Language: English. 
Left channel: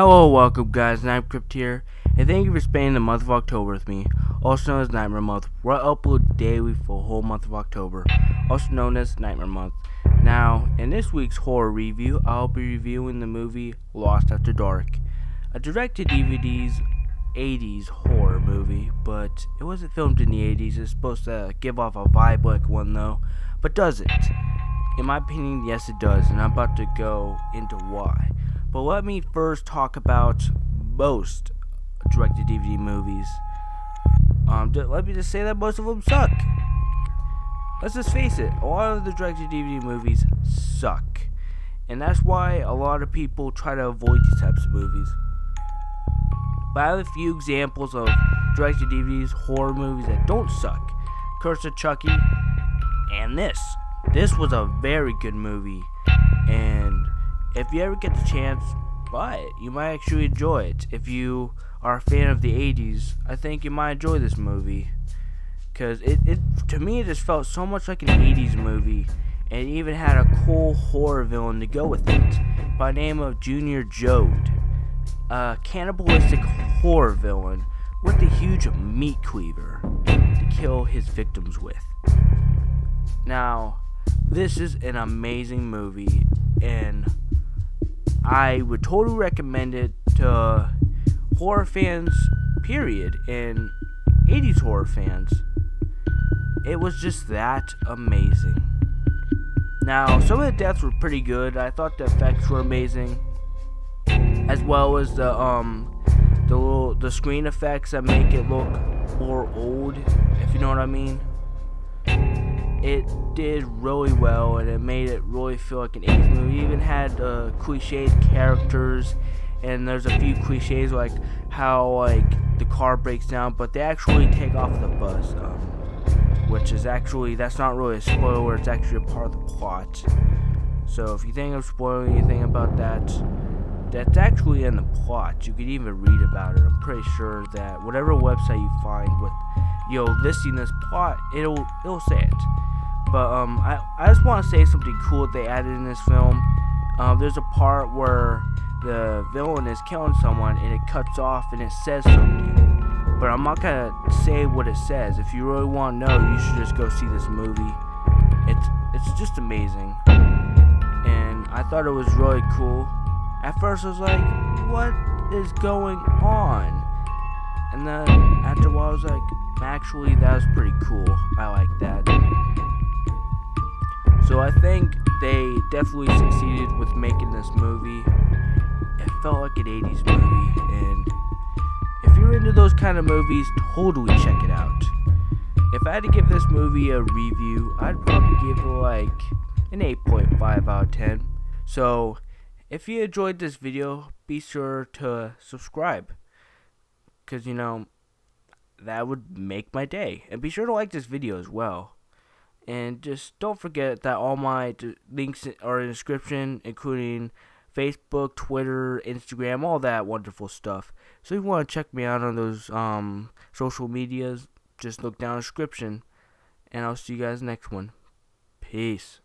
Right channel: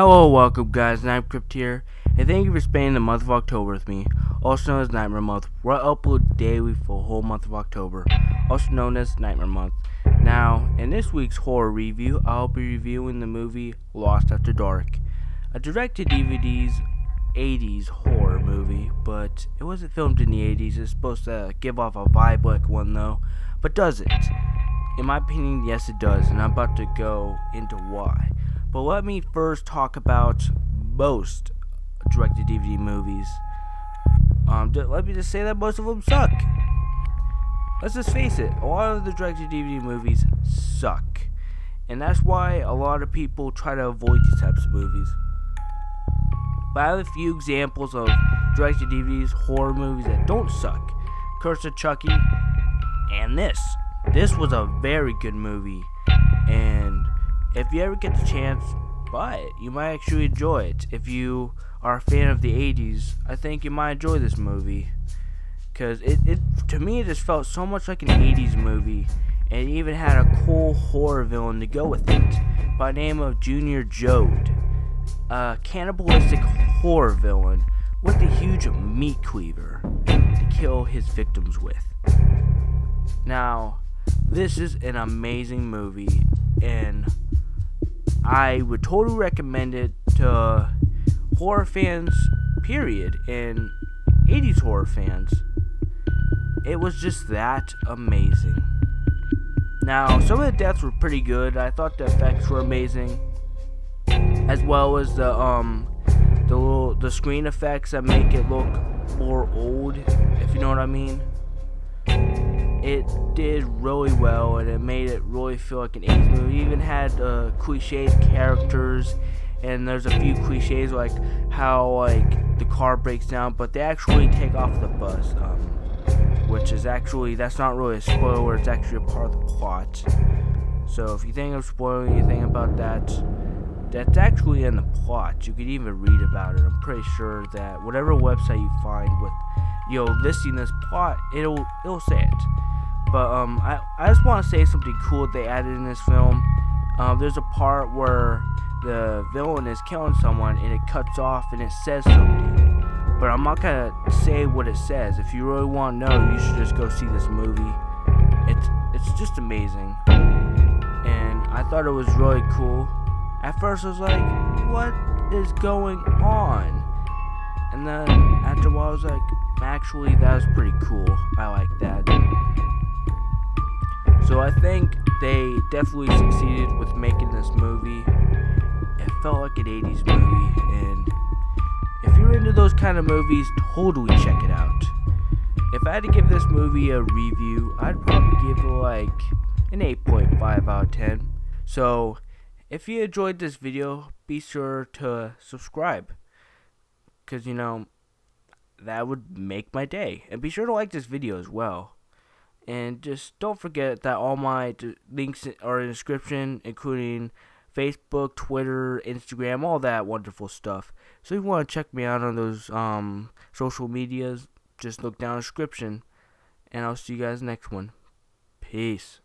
Hello, welcome guys, Crypt here, and thank you for spending the month of October with me, also known as Nightmare Month, where I upload daily for the whole month of October, also known as Nightmare Month. Now, in this week's horror review, I'll be reviewing the movie Lost After Dark, a direct-to-DVD's 80s horror movie, but it wasn't filmed in the 80s. It's supposed to give off a vibe like one though, but does it? In my opinion, yes it does, and I'm about to go into why. But let me first talk about most direct-to-DVD movies. Let me just say that most of them suck. Let's just face it, a lot of the direct-to-DVD movies suck. And that's why a lot of people try to avoid these types of movies. But I have a few examples of direct-to-DVDs, horror movies that don't suck. Curse of Chucky, and this. This was a very good movie, and if you ever get the chance, buy it. You might actually enjoy it. If you are a fan of the 80s, I think you might enjoy this movie. Because to me, it just felt so much like an 80s movie. And it even had a cool horror villain to go with it. By the name of Junior Jode. A cannibalistic horror villain with a huge meat cleaver to kill his victims with. Now, this is an amazing movie, and I would totally recommend it to horror fans, period, and 80s horror fans. It was just that amazing. Now, some of the deaths were pretty good. I thought the effects were amazing, as well as the screen effects that make it look more old, if you know what I mean. It did really well, and it made it really feel like an 80s movie. It even had cliched characters, and there's a few cliches like how the car breaks down, but they actually take off the bus, which is actually, that's not really a spoiler, it's actually a part of the plot. So if you think of spoiling anything about that, that's actually in the plot. You could even read about it. I'm pretty sure that whatever website you find with listing this plot, it'll say it. But I just want to say something cool that they added in this film. There's a part where the villain is killing someone and it cuts off and it says something. But I'm not gonna say what it says. If you really want to know, you should just go see this movie. It's just amazing, and I thought it was really cool. At first I was like, what is going on? And then after a while I was like, actually that was pretty cool. I like that. So I think they definitely succeeded with making this movie. It felt like an 80s movie, and if you're into those kind of movies, totally check it out. If I had to give this movie a review, I'd probably give it like an 8.5 out of 10. So if you enjoyed this video, be sure to subscribe, because that would make my day. And be sure to like this video as well. And just don't forget that all my links are in the description, including Facebook, Twitter, Instagram, all that wonderful stuff. So if you want to check me out on those social medias, just look down in the description. And I'll see you guys next one. Peace.